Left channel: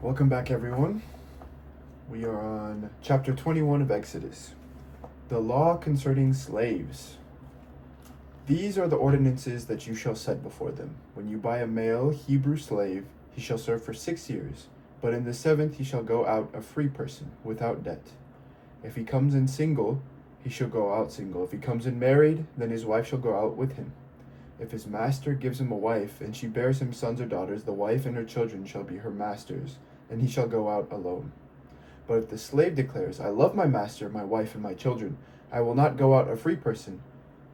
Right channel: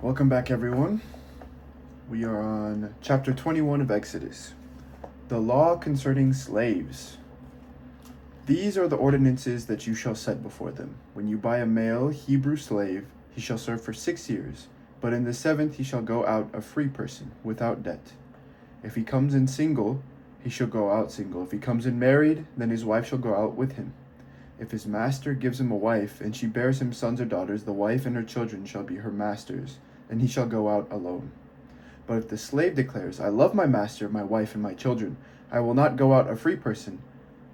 Welcome back, everyone. We are on chapter 21 of Exodus. The law concerning slaves. These are the ordinances that you shall set before them. When you buy a male Hebrew slave, he shall serve for 6 years, but in the 7th he shall go out a free person, without debt. If he comes in single, he shall go out single. If he comes in married, then his wife shall go out with him. If his master gives him a wife, and she bears him sons or daughters, the wife and her children shall be her master's, and he shall go out alone. But if the slave declares, I love my master, my wife, and my children, I will not go out a free person,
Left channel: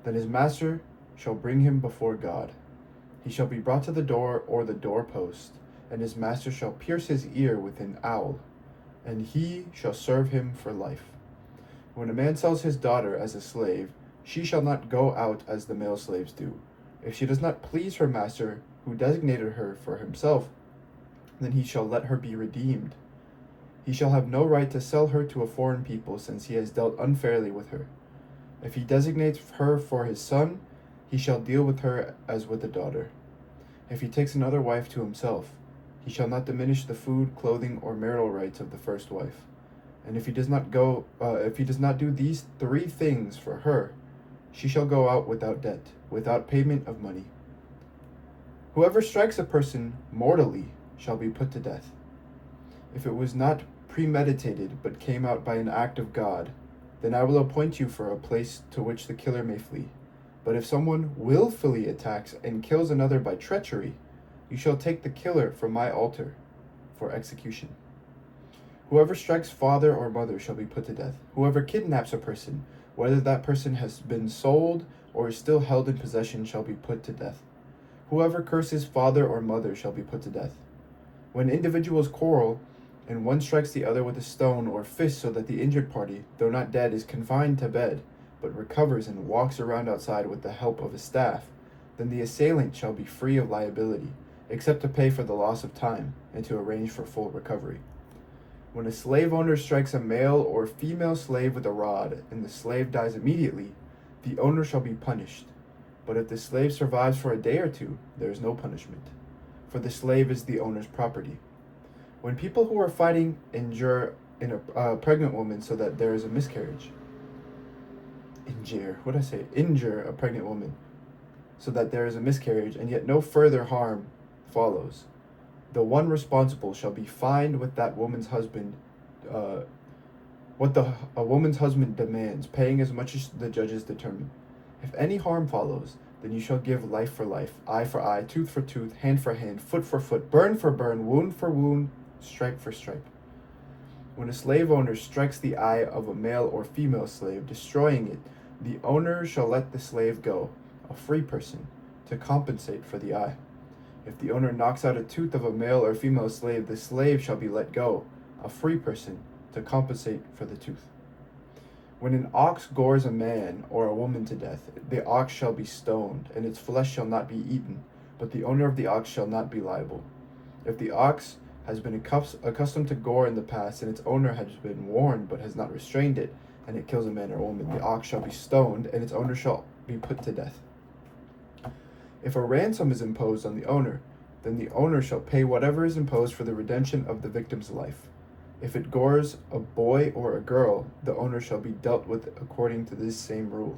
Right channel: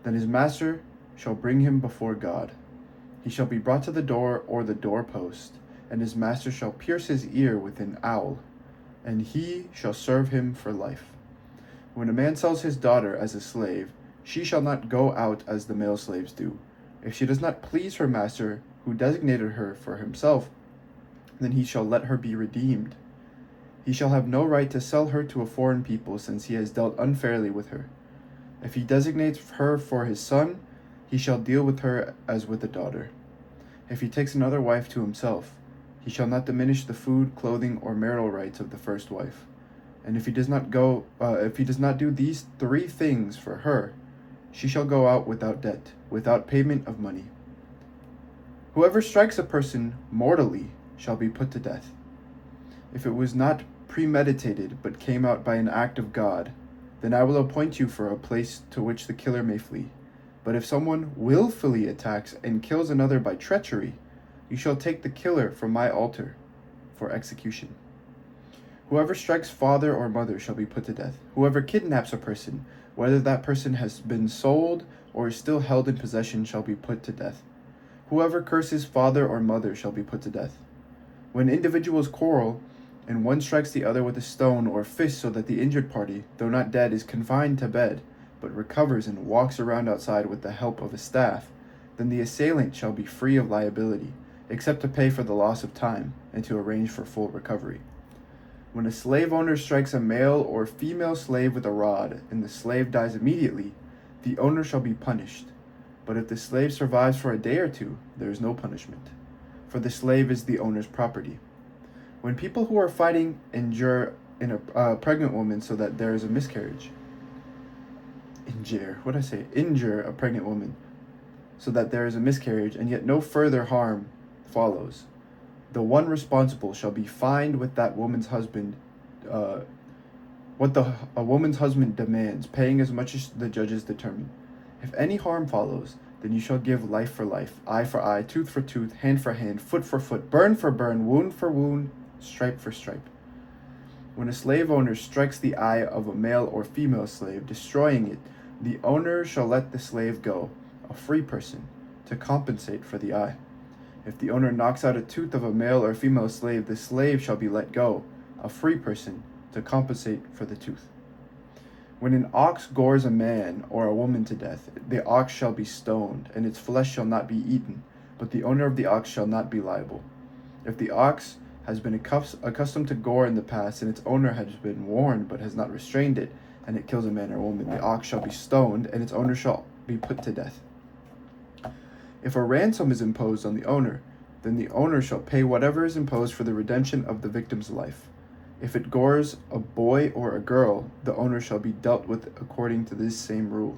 then his master shall bring him before God. He shall be brought to the door or the doorpost, and his master shall pierce his ear with an awl, and he shall serve him for life. When a man sells his daughter as a slave, she shall not go out as the male slaves do. If she does not please her master, who designated her for himself, then he shall let her be redeemed. He shall have no right to sell her to a foreign people, since he has dealt unfairly with her. If he designates her for his son, he shall deal with her as with a daughter. If he takes another wife to himself, he shall not diminish the food, clothing, or marital rights of the first wife. And if he does not do these 3 things for her, she shall go out without debt, without payment of money. Whoever strikes a person mortally shall be put to death. If it was not premeditated, but came out by an act of God, then I will appoint you for a place to which the killer may flee. But if someone willfully attacks and kills another by treachery, you shall take the killer from my altar for execution. Whoever strikes father or mother shall be put to death. Whoever kidnaps a person, whether that person has been sold or is still held in possession, shall be put to death. Whoever curses father or mother shall be put to death. When individuals quarrel, and one strikes the other with a stone or fist, so that the injured party, though not dead, is confined to bed, but recovers and walks around outside with the help of a staff, then the assailant shall be free of liability, except to pay for the loss of time, and to arrange for full recovery. When a slave owner strikes a male or female slave with a rod, and the slave dies immediately, the owner shall be punished. But if the slave survives for a day or 2, there is no punishment, for the slave is the owner's property. When people who are fighting injure a pregnant woman so that there is a miscarriage, injure a pregnant woman so that there is a miscarriage, and yet no further harm follows, the one responsible shall be fined with that woman's husband, a woman's husband demands, paying as much as the judges determine. If any harm follows, then you shall give life for life, eye for eye, tooth for tooth, hand for hand, foot for foot, burn for burn, wound for wound, stripe for stripe. When a slave owner strikes the eye of a male or female slave, destroying it, the owner shall let the slave go, a free person, to compensate for the eye. If the owner knocks out a tooth of a male or female slave, the slave shall be let go, a free person, to compensate for the tooth. When an ox gores a man or a woman to death, the ox shall be stoned, and its flesh shall not be eaten, but the owner of the ox shall not be liable. If the ox has been accustomed to gore in the past, and its owner has been warned but has not restrained it, and it kills a man or woman, the ox shall be stoned, and its owner shall be put to death. If a ransom is imposed on the owner, then the owner shall pay whatever is imposed for the redemption of the victim's life. If it gores a boy or a girl, the owner shall be dealt with according to this same rule.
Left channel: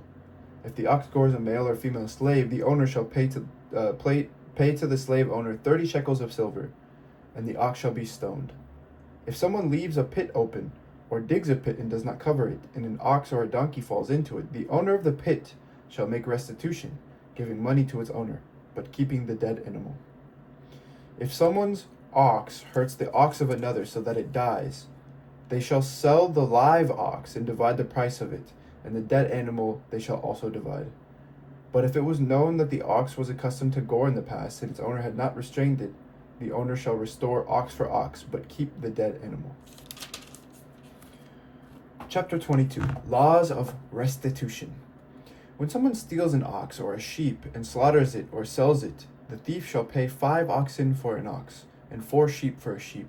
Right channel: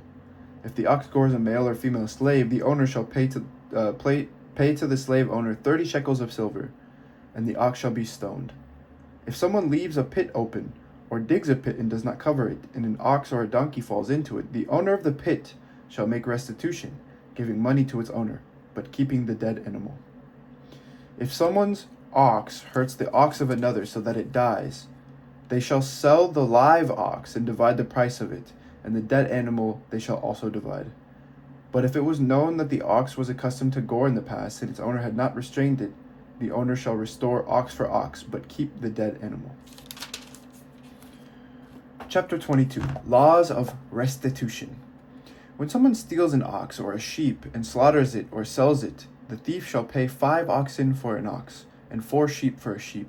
If the ox gores a male or female slave, the owner shall pay to the slave owner 30 shekels of silver, and the ox shall be stoned. If someone leaves a pit open, or digs a pit and does not cover it, and an ox or a donkey falls into it, the owner of the pit shall make restitution, giving money to its owner, but keeping the dead animal. If someone's ox hurts the ox of another so that it dies, they shall sell the live ox and divide the price of it, and the dead animal they shall also divide. But if it was known that the ox was accustomed to gore in the past, and its owner had not restrained it, the owner shall restore ox for ox, but keep the dead animal. Chapter 22. Laws of Restitution. When someone steals an ox or a sheep and slaughters it or sells it, the thief shall pay 5 oxen for an ox, and 4 sheep for a sheep.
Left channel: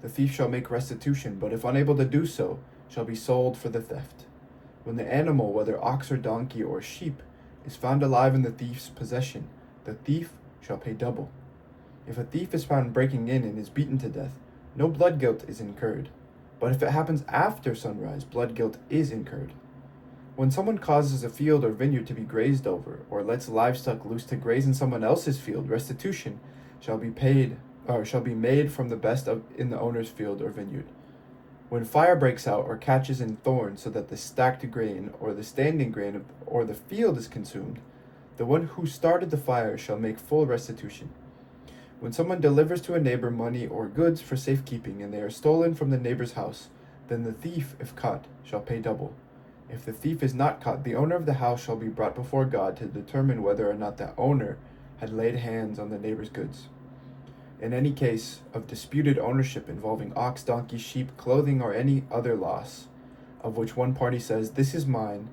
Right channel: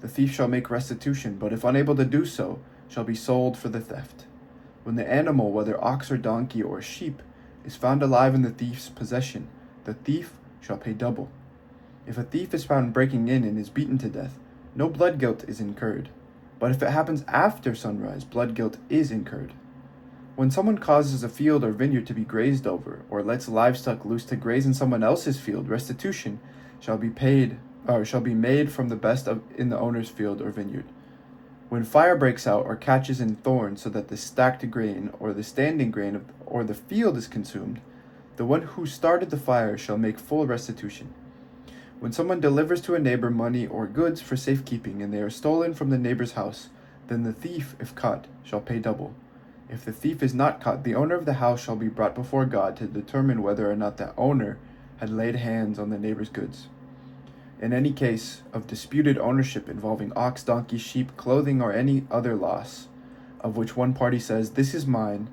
The thief shall make restitution, but if unable to do so, shall be sold for the theft. When the animal, whether ox or donkey or sheep, is found alive in the thief's possession, the thief shall pay double. If a thief is found breaking in and is beaten to death, no blood guilt is incurred. But if it happens after sunrise, blood guilt is incurred. When someone causes a field or vineyard to be grazed over, or lets livestock loose to graze in someone else's field, restitution shall be made from the best in the owner's field or vineyard. When fire breaks out or catches in thorns, so that the stacked grain or the standing grain or the field is consumed, the one who started the fire shall make full restitution. When someone delivers to a neighbor money or goods for safekeeping, and they are stolen from the neighbor's house, then the thief, if caught, shall pay double. If the thief is not caught, the owner of the house shall be brought before God to determine whether or not the owner had laid hands on the neighbor's goods. In any case of disputed ownership involving ox, donkey, sheep, clothing, or any other loss, of which one party says, "This is mine,"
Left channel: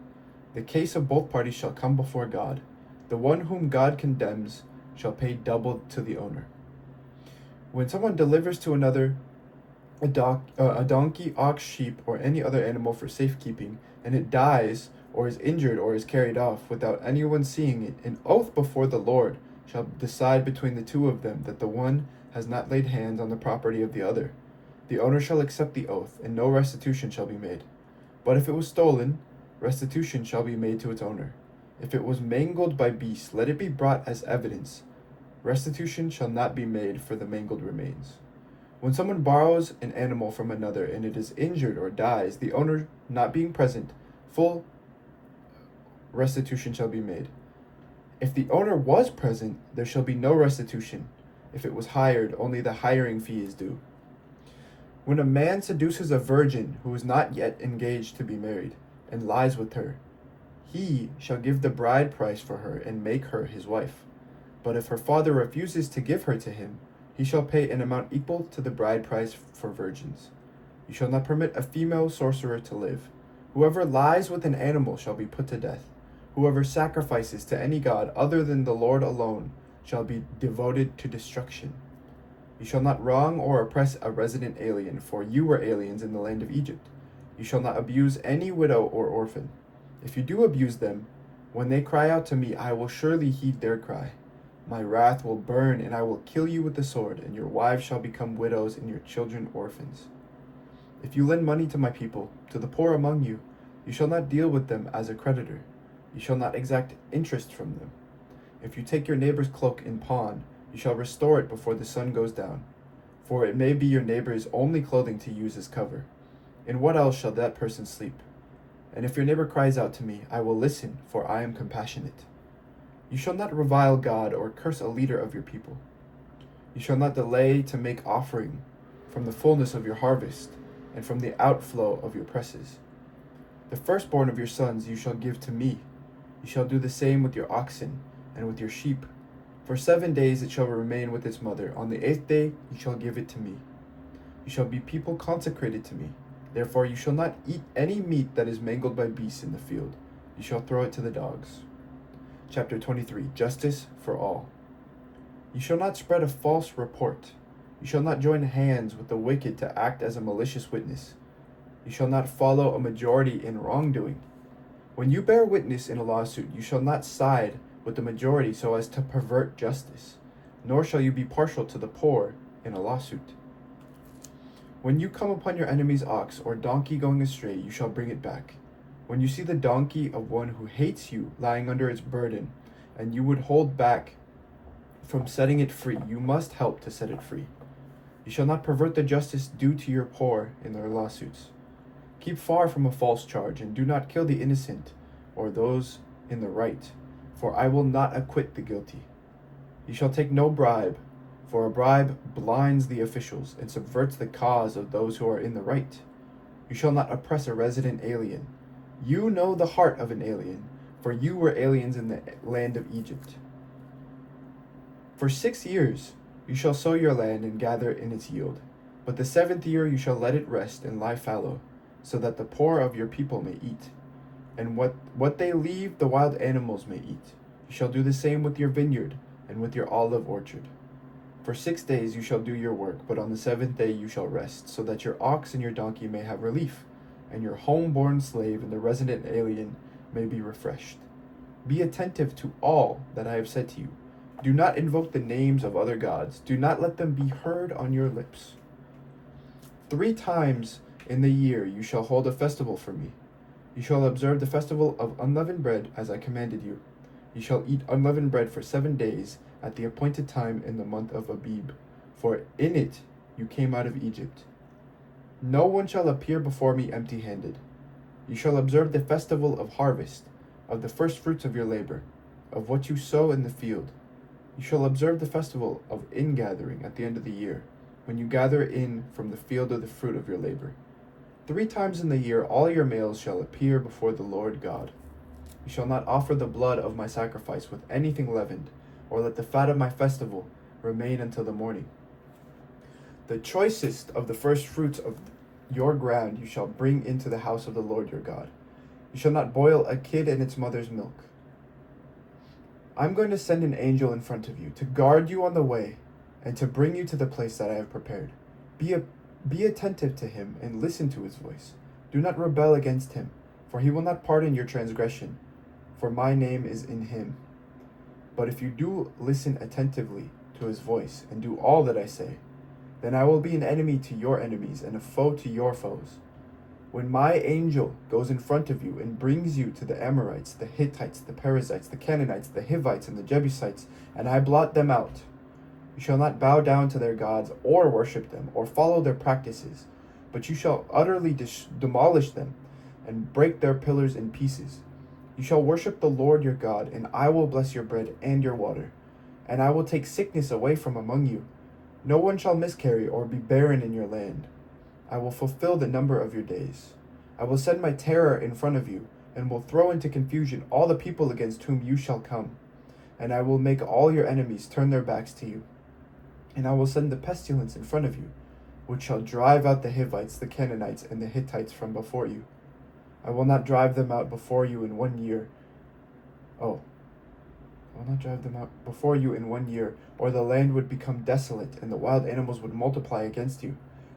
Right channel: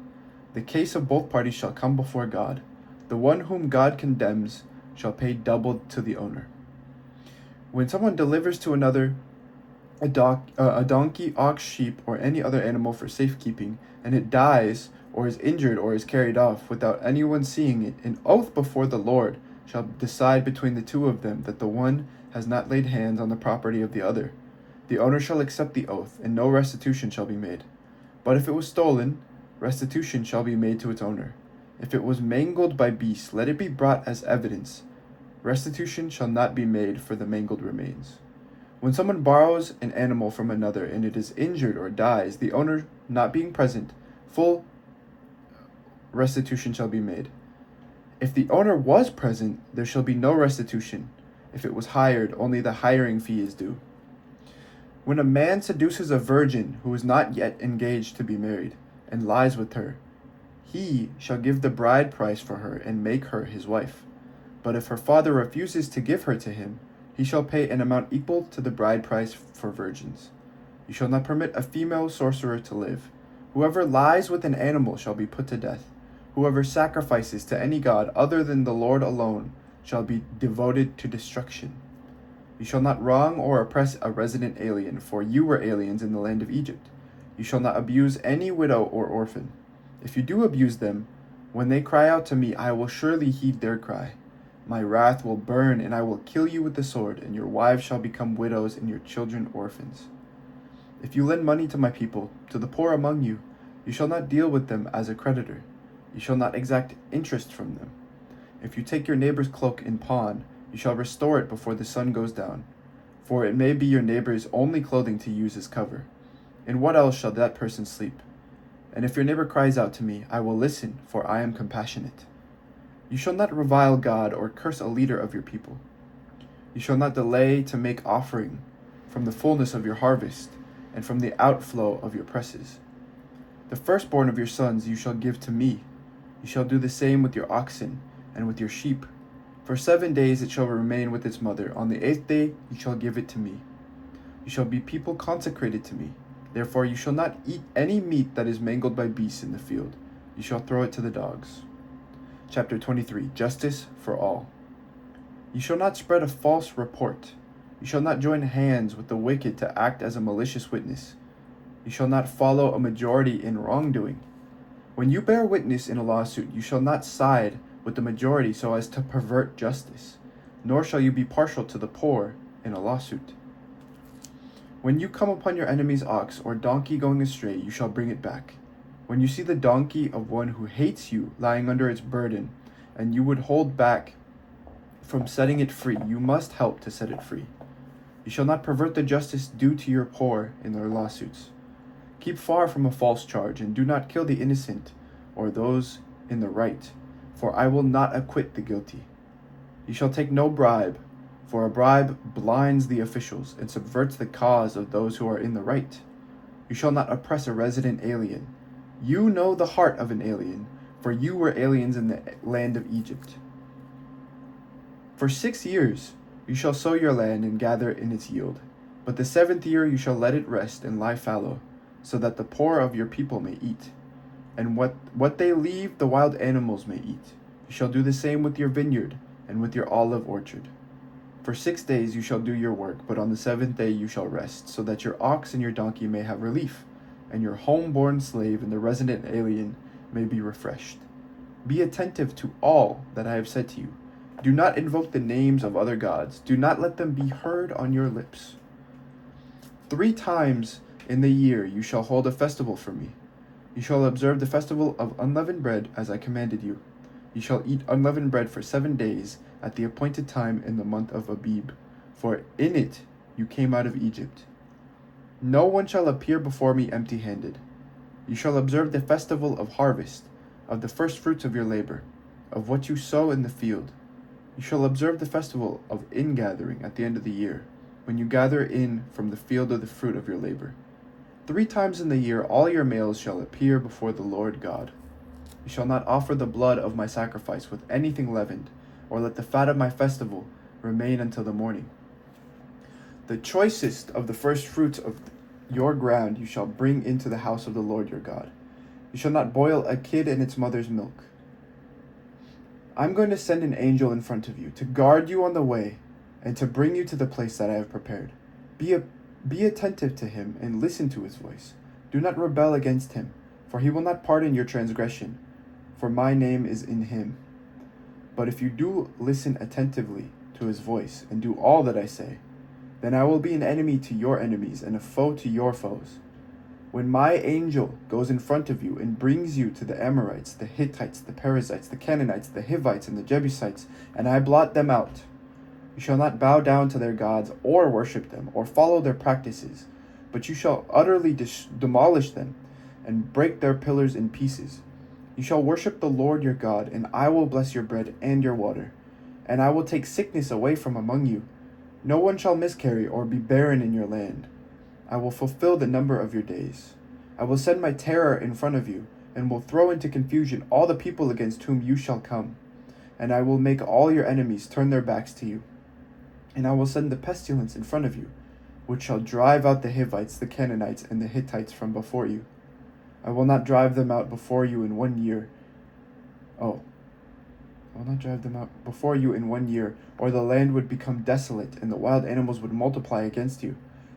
the case of both parties shall come before God. The one whom God condemns shall pay double to the owner. When someone delivers to another a donkey, ox, sheep, or any other animal for safekeeping, and it dies, or is injured, or is carried off, without anyone seeing it, an oath before the Lord shall decide between the two of them that the one has not laid hands on the property of the other. The owner shall accept the oath, and no restitution shall be made. But if it was stolen, restitution shall be made to its owner. If it was mangled by beasts, let it be brought as evidence. Restitution shall not be made for the mangled remains. When someone borrows an animal from another, and it is injured or dies, the owner not being present, full restitution shall be made. If the owner was present, there shall be no restitution. If it was hired, only the hiring fee is due. When a man seduces a virgin who is not yet engaged to be married, and lies with her, he shall give the bride price for her and make her his wife. But if her father refuses to give her to him, he shall pay an amount equal to the bride price for virgins. You shall not permit a female sorcerer to live. Whoever lies with an animal shall be put to death. Whoever sacrifices to any god other than the Lord alone shall be devoted to destruction. You shall not wrong or oppress a resident alien, for you were aliens in the land of Egypt. You shall not abuse any widow or orphan. If you do abuse them, when they cry out to me, I will surely heed their cry. My wrath will burn, and I will kill you with the sword, and your wives shall become widows, and your children orphans. If you lend money to my people, to the poor among you, you shall not deal with them as a creditor. You shall not exact interest from them. If you take your neighbor's cloak in pawn, you shall restore it before the sun goes down. For it may be your neighbor's only clothing to use as cover. In what else shall that person sleep? And if your neighbor cries out to me, I will listen, for I am compassionate. You shall not revile God or curse a leader of your people. You shall not delay to make offering from the fullness of your harvest and from the outflow of your presses. The firstborn of your sons you shall give to me. You shall do the same with your oxen and with your sheep. For 7 days it shall remain with its mother. On the 8th day you shall give it to me. You shall be people consecrated to me. Therefore you shall not eat any meat that is mangled by beasts in the field. You shall throw it to the dogs. Chapter 23. Justice for all. You shall not spread a false report. You shall not join hands with the wicked to act as a malicious witness. You shall not follow a majority in wrongdoing. When you bear witness in a lawsuit, you shall not side with the majority so as to pervert justice, nor shall you be partial to the poor in a lawsuit. When you come upon your enemy's ox or donkey going astray, you shall bring it back. When you see the donkey of one who hates you lying under its burden, and you would hold back from setting it free, you must help to set it free. You shall not pervert the justice due to your poor in their lawsuits. Keep far from a false charge, and do not kill the innocent or those in the right, for I will not acquit the guilty. You shall take no bribe, for a bribe blinds the officials and subverts the cause of those who are in the right. You shall not oppress a resident alien. You know the heart of an alien, for you were aliens in the land of Egypt. For 6 years you shall sow your land and gather in its yield, but the 7th year you shall let it rest and lie fallow, so that the poor of your people may eat, and what they leave the wild animals may eat. You shall do the same with your vineyard and with your olive orchard. For 6 days you shall do your work, but on the 7th day you shall rest, so that your ox and your donkey may have relief, and your home-born slave and the resident alien may be refreshed. Be attentive to all that I have said to you. Do not invoke the names of other gods. Do not let them be heard on your lips. 3 times in the year you shall hold a festival for me. You shall observe the festival of unleavened bread as I commanded you. You shall eat unleavened bread for 7 days at the appointed time in the month of Abib, for in it you came out of Egypt. No one shall appear before me empty-handed. You shall observe the festival of harvest, of the first fruits of your labor, of what you sow in the field. You shall observe the festival of ingathering at the end of the year, when you gather in from the field of the fruit of your labor. 3 times in the year all your males shall appear before the Lord God. You shall not offer the blood of my sacrifice with anything leavened, or let the fat of my festival remain until the morning. The choicest of the first fruits of your ground you shall bring into the house of the Lord your God. You shall not boil a kid in its mother's milk. I'm going to send an angel in front of you to guard you on the way and to bring you to the place that I have prepared. Be attentive to him and listen to his voice. Do not rebel against him, for he will not pardon your transgression, for my name is in him. But if you do listen attentively to his voice and do all that I say, then I will be an enemy to your enemies and a foe to your foes. When my angel goes in front of you and brings you to the Amorites, the Hittites, the Perizzites, the Canaanites, the Hivites, and the Jebusites, and I blot them out, you shall not bow down to their gods or worship them or follow their practices, but you shall utterly demolish them and break their pillars in pieces. You shall worship the Lord your God, and I will bless your bread and your water, and I will take sickness away from among you. No one shall miscarry or be barren in your land. I will fulfill the number of your days. I will send my terror in front of you, and will throw into confusion all the people against whom you shall come. And I will make all your enemies turn their backs to you. And I will send the pestilence in front of you, which shall drive out the Hivites, the Canaanites, and the Hittites from before you. I will not drive them out before you in 1 year. I will not drive them out before you in 1 year, or the land would become desolate, and the wild animals would multiply against you.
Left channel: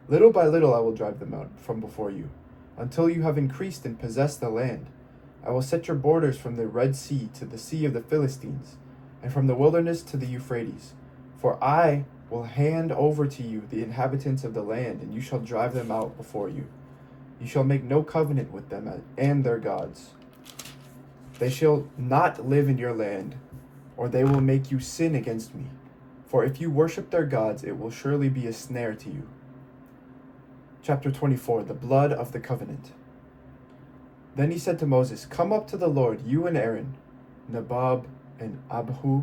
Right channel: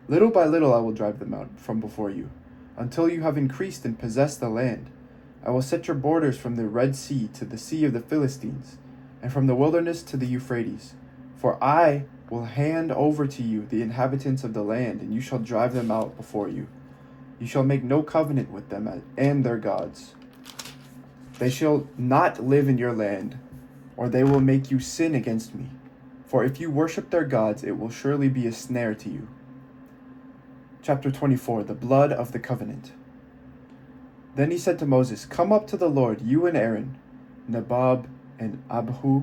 Little by little I will drive them out from before you, until you have increased and possessed the land. I will set your borders from the Red Sea to the Sea of the Philistines, and from the wilderness to the Euphrates. For I will hand over to you the inhabitants of the land, and you shall drive them out before you. You shall make no covenant with them and their gods. They shall not live in your land, or they will make you sin against me. For if you worship their gods, it will surely be a snare to you. Chapter 24, the blood of the covenant. Then he said to Moses, Come up to the Lord, you and Aaron, Nadab and Abihu,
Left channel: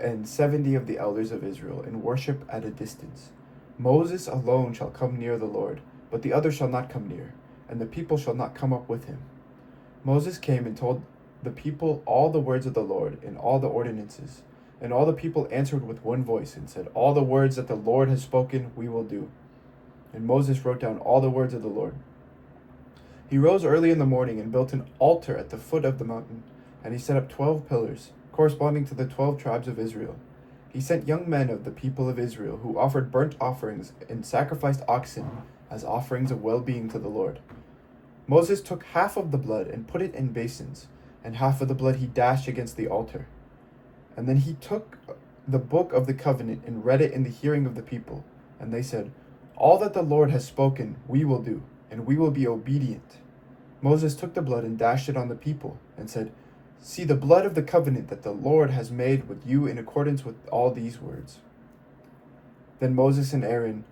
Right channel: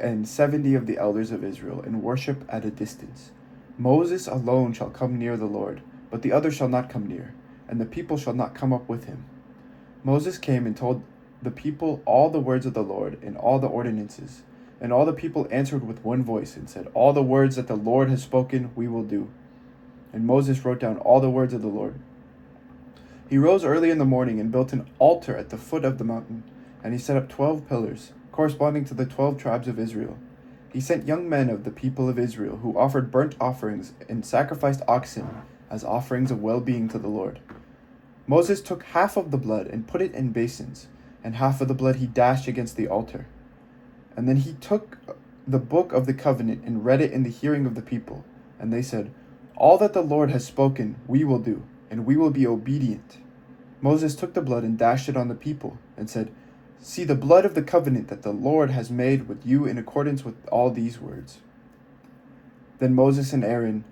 and 70 of the elders of Israel, and worship at a distance. Moses alone shall come near the Lord, but the others shall not come near, and the people shall not come up with him. Moses came and told the people all the words of the Lord and all the ordinances. And all the people answered with one voice and said, All the words that the Lord has spoken we will do. And Moses wrote down all the words of the Lord. He rose early in the morning and built an altar at the foot of the mountain, and he set up 12 pillars, corresponding to the 12 tribes of Israel. He sent young men of the people of Israel who offered burnt offerings and sacrificed oxen as offerings of well-being to the Lord. Moses took half of the blood and put it in basins, and half of the blood he dashed against the altar. And then he took the book of the covenant and read it in the hearing of the people. And they said, All that the Lord has spoken we will do, and we will be obedient. Moses took the blood and dashed it on the people, and said, See the blood of the covenant that the Lord has made with you in accordance with all these words. Then Moses and Aaron,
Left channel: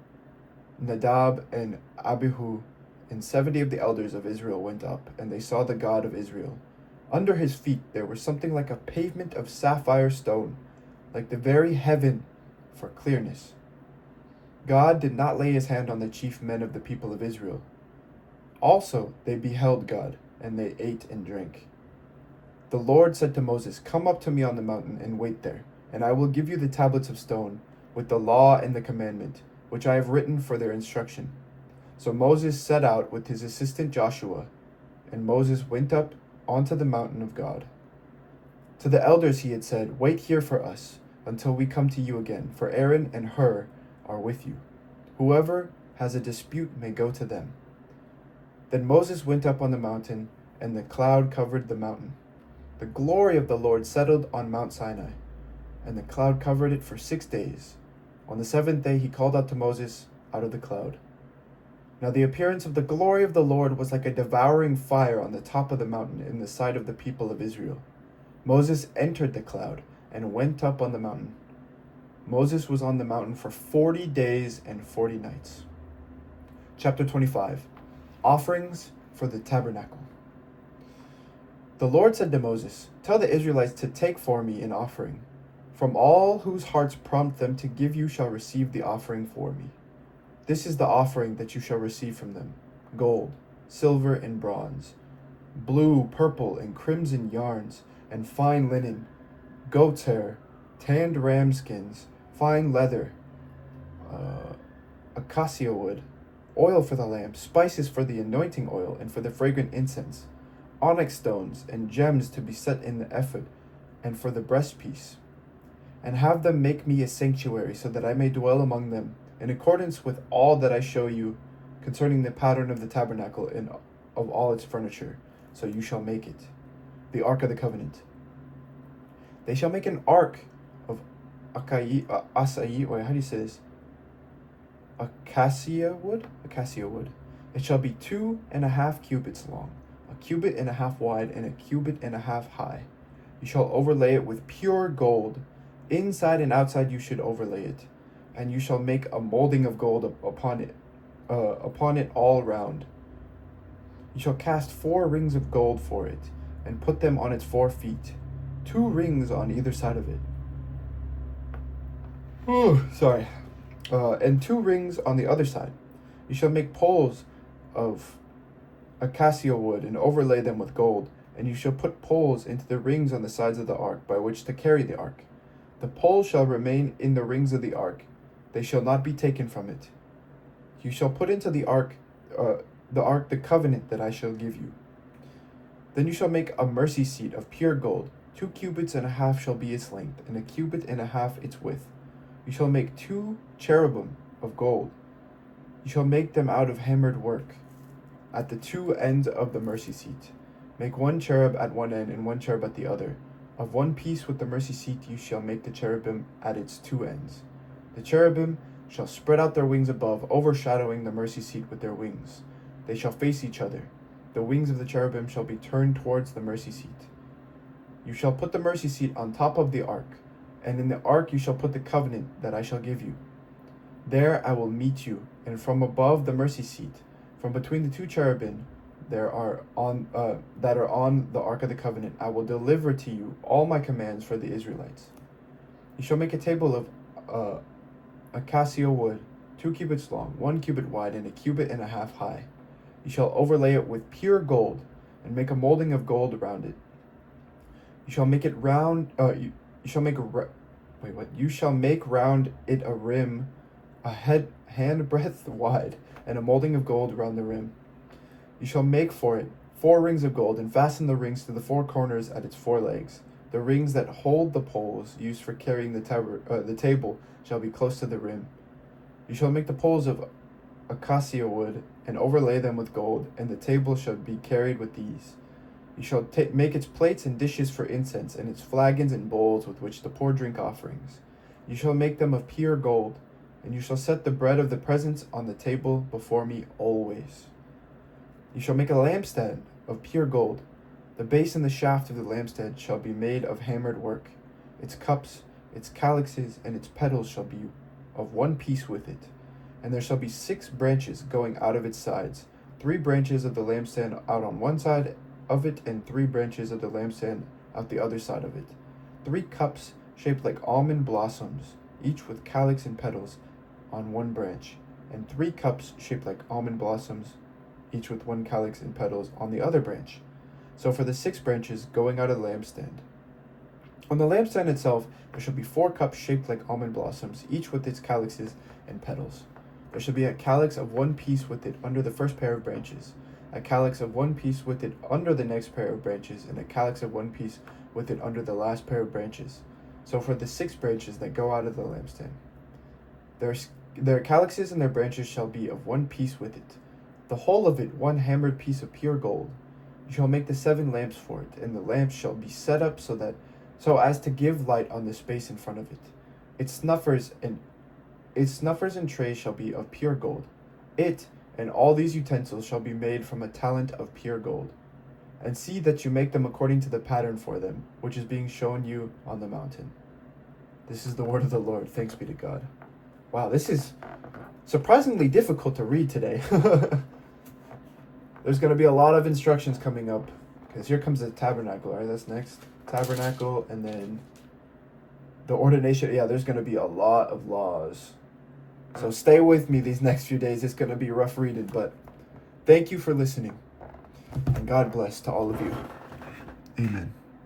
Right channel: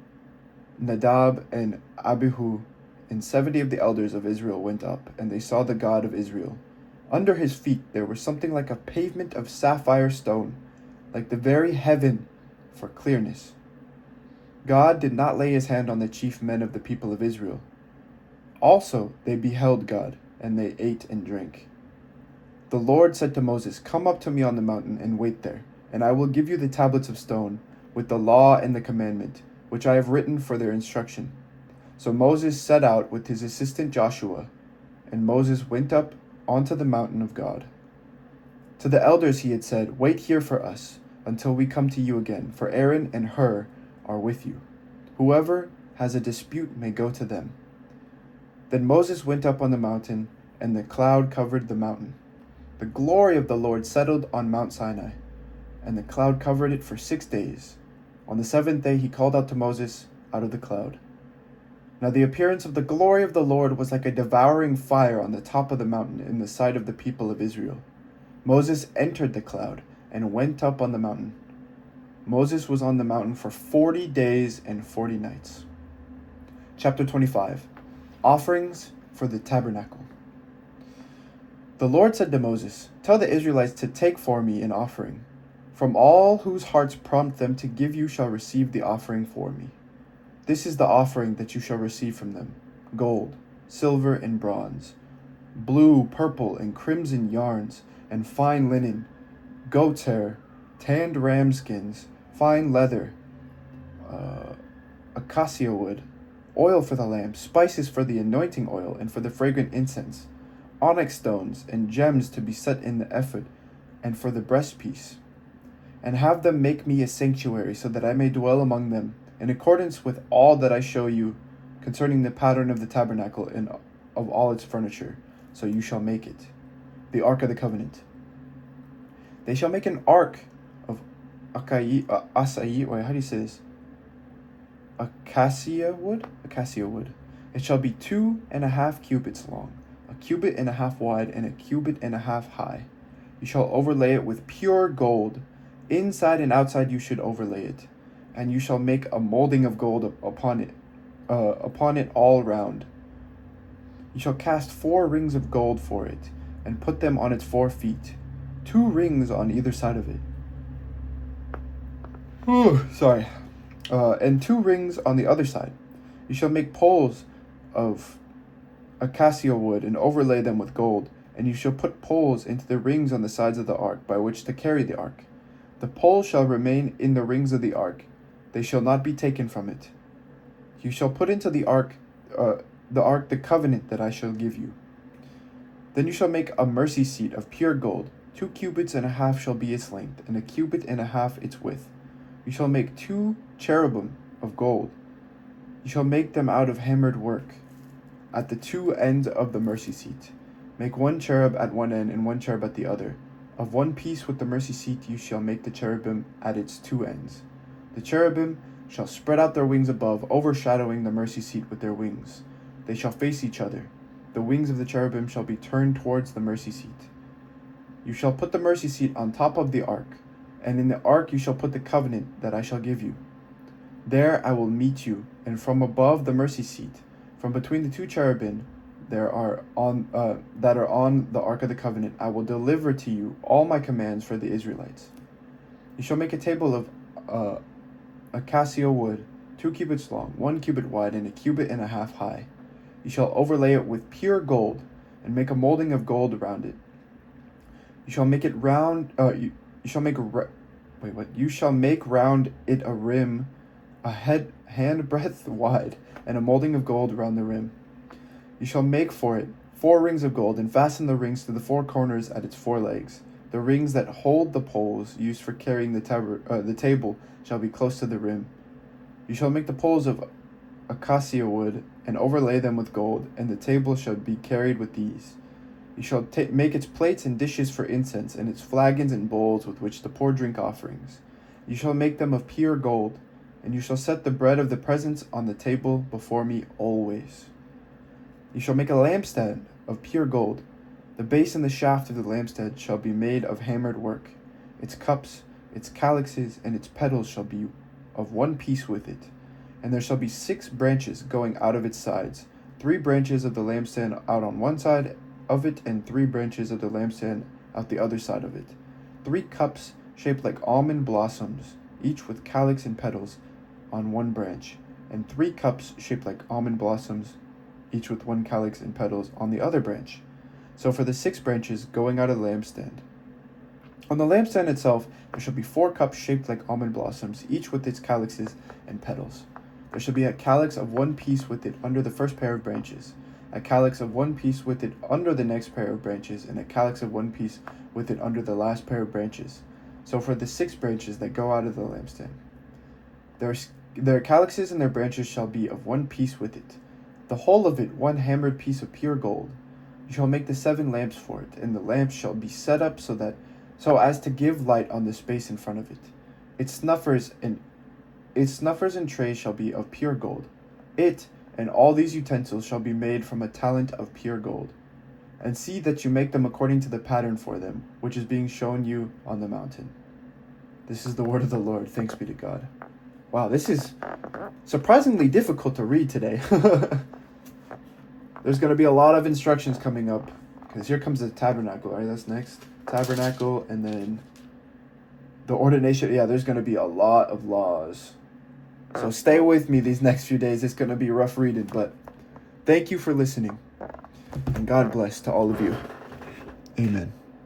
Nadab and Abihu, and 70 of the elders of Israel went up, and they saw the God of Israel. Under his feet there was something like a pavement of sapphire stone, like the very heaven for clearness. God did not lay his hand on the chief men of the people of Israel. Also they beheld God, and they ate and drank. The Lord said to Moses, Come up to me on the mountain and wait there, and I will give you the tablets of stone, with the law and the commandment, which I have written for their instruction. So Moses set out with his assistant Joshua, and Moses went up onto the mountain of God. To the elders he had said, Wait here for us, until we come to you again, for Aaron and Hur are with you. Whoever has a dispute may go to them. Then Moses went up on the mountain, and the cloud covered the mountain. The glory of the Lord settled on Mount Sinai, and the cloud covered it for 6 days. On the 7th day he called out to Moses out of the cloud. Now the appearance of the glory of the Lord was like a devouring fire on the top of the mountain in the sight of the people of Israel. Moses entered the cloud and went up on the mountain. Moses was on the mountain for 40 days and 40 nights. Chapter 25. Offerings for the tabernacle. The Lord said to Moses, "Tell the Israelites to take for me an offering. From all whose hearts prompt them to give you shall receive the offering for me. This is the offering that you shall receive from them: gold, silver, and bronze, blue, purple, and crimson yarns, and fine linen, goat's hair, tanned ram skins, fine leather, acacia wood, oil for the lamp, spices for the anointing oil and for the fragrant incense, onyx stones and gems to be set in the ephod and for the breastpiece. And have them make me a sanctuary, so that I may dwell among them, in accordance with all that I show you concerning the pattern of the tabernacle and of all its furniture. So you shall make it. The Ark of the Covenant. They shall make an ark of acacia wood. Acacia wood. It shall be 2.5 cubits long, 1.5 cubits wide, and 1.5 cubits high. You shall overlay it with pure gold. Inside and outside you should overlay it, and you shall make a molding of gold upon it all round. You shall cast 4 rings of gold for it, and put them on its 4 feet, 2 rings on either side of it. And 2 rings on the other side. You shall make poles of acacia wood and overlay them with gold, and you shall put poles into the rings on the sides of the ark by which to carry the ark. The poles shall remain in the rings of the ark; they shall not be taken from it. You shall put into the ark the covenant that I shall give you. Then you shall make a mercy seat of pure gold. 2.5 cubits shall be its length, and 1.5 cubits its width. You shall make 2 cherubim of gold. You shall make them out of hammered work. At the 2 ends of the mercy seat, make 1 cherub at one end and 1 cherub at the other. Of one piece with the mercy seat you shall make the cherubim at its 2 ends. The cherubim shall spread out their wings above, overshadowing the mercy seat with their wings. They shall face each other. The wings of the cherubim shall be turned towards the mercy seat. You shall put the mercy seat on top of the ark, and in the ark you shall put the covenant that I shall give you. There I will meet you, and from above the mercy seat, from between the 2 cherubim that are on the Ark of the Covenant, I will deliver to you all my commands for the Israelites. You shall make a table of acacia wood, 2 cubits long, 1 cubit wide, and 1.5 cubits high. You shall overlay it with pure gold, and make a molding of gold around it. You shall make it round. You shall make round it a rim, handbreadth wide, and a molding of gold around the rim. You shall make for it 4 rings of gold, and fasten the rings to the 4 corners at its 4 legs. The rings that hold the poles used for carrying the table shall be close to the rim. You shall make the poles of acacia wood, and overlay them with gold, and the table shall be carried with these. You shall make its plates and dishes for incense, and its flagons and bowls with which to pour drink offerings. You shall make them of pure gold, and you shall set the bread of the presence on the table before me always. You shall make a lampstand of pure gold. The base and the shaft of the lampstand shall be made of hammered work. Its cups, its calyxes, and its petals shall be of one piece with it. And there shall be 6 branches going out of its sides, 3 branches of the lampstand out on one side of it, and 3 branches of the lampstand out the other side of it. 3 cups shaped like almond blossoms, each with calyx and petals on one branch, and 3 cups shaped like almond blossoms, each with 1 calyx and petals on the other branch. So for the 6 branches going out of the lampstand. On the lampstand itself there shall be 4 cups shaped like almond blossoms, each with its calyxes and petals. There shall be a calyx of 1 piece with it under the first pair of branches, a calyx of 1 piece with it under the next pair of branches, and a calyx of 1 piece with it under the last pair of branches. So for the 6 branches that go out of the lampstand. Their calyxes and their branches shall be of 1 piece with it, the whole of it 1 hammered piece of pure gold. You shall make the 7 lamps for it, and the lamps shall be set up so as to give light on the space in front of it. Its snuffers and trays shall be of pure gold. It And all these utensils shall be made from a talent of pure gold. And see that you make them according to the pattern for them, which is being shown you on the mountain. This is the word of the Lord. Thanks be to God. Wow, this is surprisingly difficult to read today. There's going to be a lot of instructions coming up, because here comes the tabernacle. All right, that's next. Tabernacle, and then the ordination. Yeah, there's going to be a lot of laws. So stay with me these next few days. It's going to be rough reading, but thank you for listening. And God bless to all of you. Amen.